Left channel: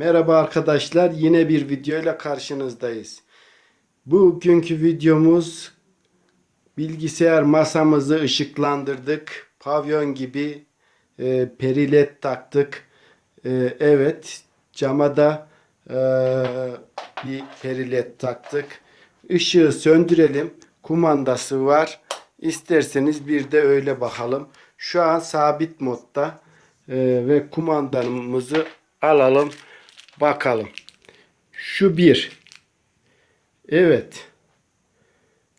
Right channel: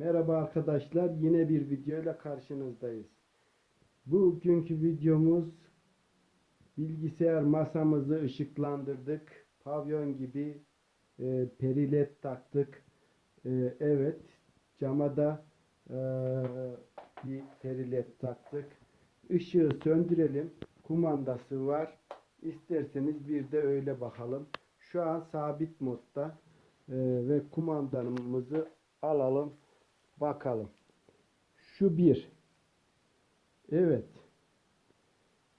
Merhaba arkadaşlar yine bir videoyla karşınızdayız. Bugünkü videomuz bilgisayar masamızı ışıklandırdık. Pavyon gibi e, perilet taktık. E, evet cama da e, bir perilet taktık. Işığı söndürelim. Kumandası var. İsterseniz bir de öyle bakalım. Şu an sabit modda e, ve kumandamızı alalım. Bakalım. Şu bir. Evet.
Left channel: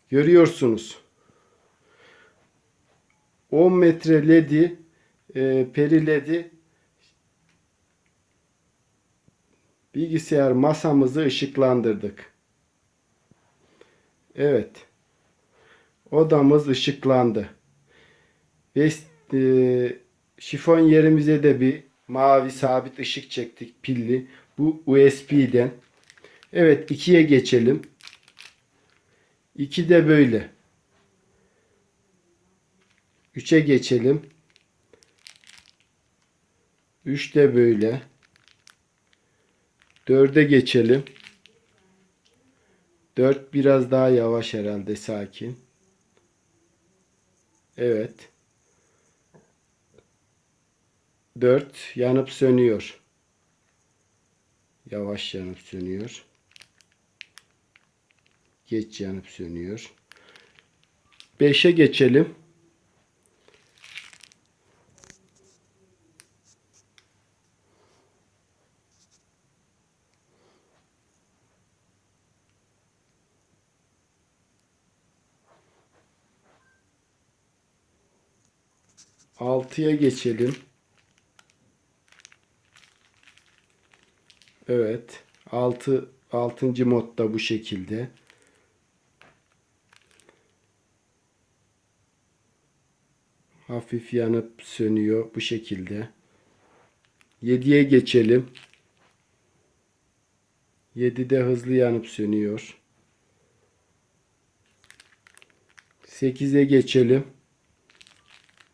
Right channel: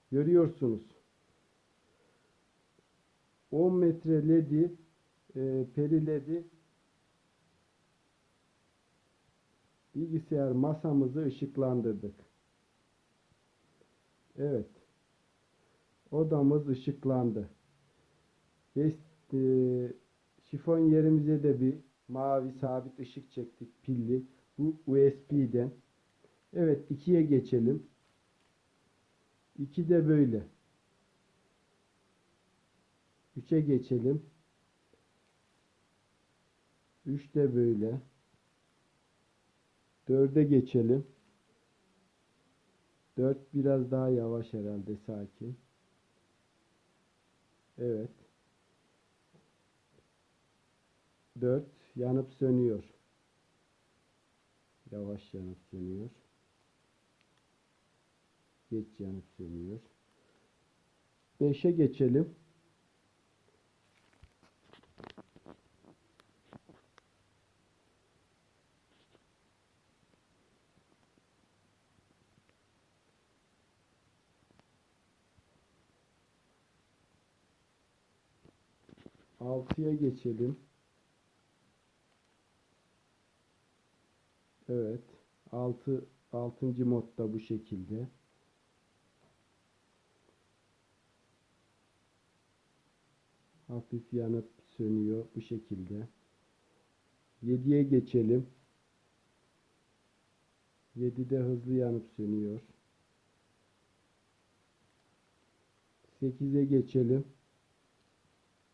Görüyorsunuz. 10 metre ledi e, peri ledi bilgisayar masamızı ışıklandırdık. Evet. Odamız ışıklandı. Ve e, şifon yerimize de bir mavi sabit ışık çektik pilli. Bu USB'den. Evet 2'ye geçelim. 2 de böyle. 3'e geçelim. 3 de böyle. 4'e geçelim. 4 biraz daha yavaş herhalde sakin. Evet. 4 yanıp sönüyor. Yavaş yanıp sönüyor. Geç yanıp sönüyor. 5'e geçelim. Altıya geçelim. Evet. 6 6. modda bu şekilde. Hafif yanıp sönüyor bu şekilde. 7'ye geçelim. 7'de hızlı yanıp sönüyor. 8'e geçelim.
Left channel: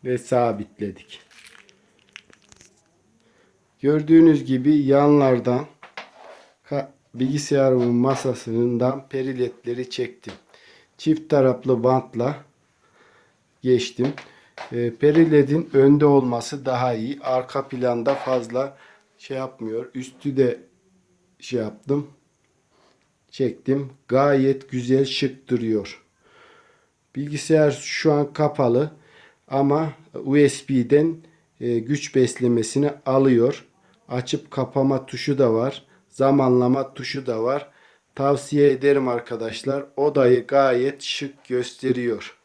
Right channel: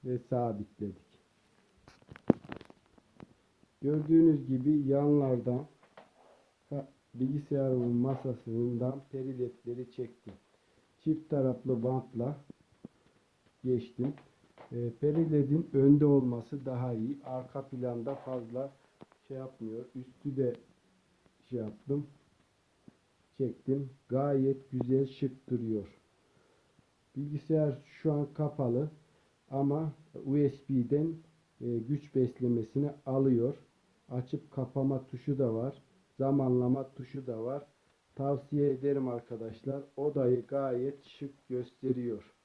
Ve sabitledik. Gördüğünüz gibi yanlardan bilgisayarımın masasından periletleri çektim. Çift taraflı bantla geçtim. E, periledin önde olması daha iyi. Arka planda fazla şey yapmıyor. Üstü de şey yaptım. Çektim. Gayet güzel şık duruyor. Bilgisayar şu an kapalı ama USB'den e, güç beslemesini alıyor. Açıp kapama tuşu da var. Zamanlama tuşu da var. Tavsiye ederim arkadaşlar. Odayı gayet şık gösteriyor.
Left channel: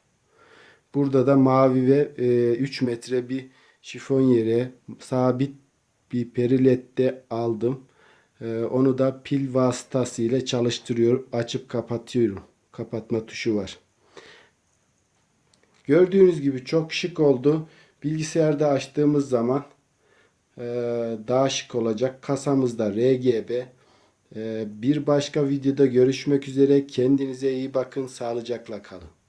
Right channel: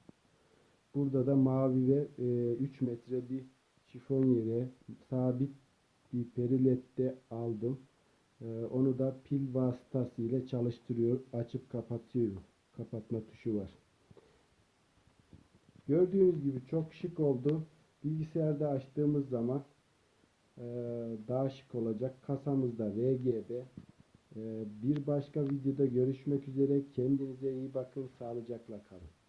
Burada da mavi ve e, 3 metre bir şifon yeri sabit bir perilette aldım. E, onu da pil vasıtasıyla çalıştırıyor. Açıp kapatıyorum. Kapatma tuşu var. Gördüğünüz gibi çok şık oldu. Bilgisayarda açtığımız zaman e, daha şık olacak. Kasamızda RGB. E, bir başka videoda görüşmek üzere. Kendinize iyi bakın. Sağlıcakla kalın.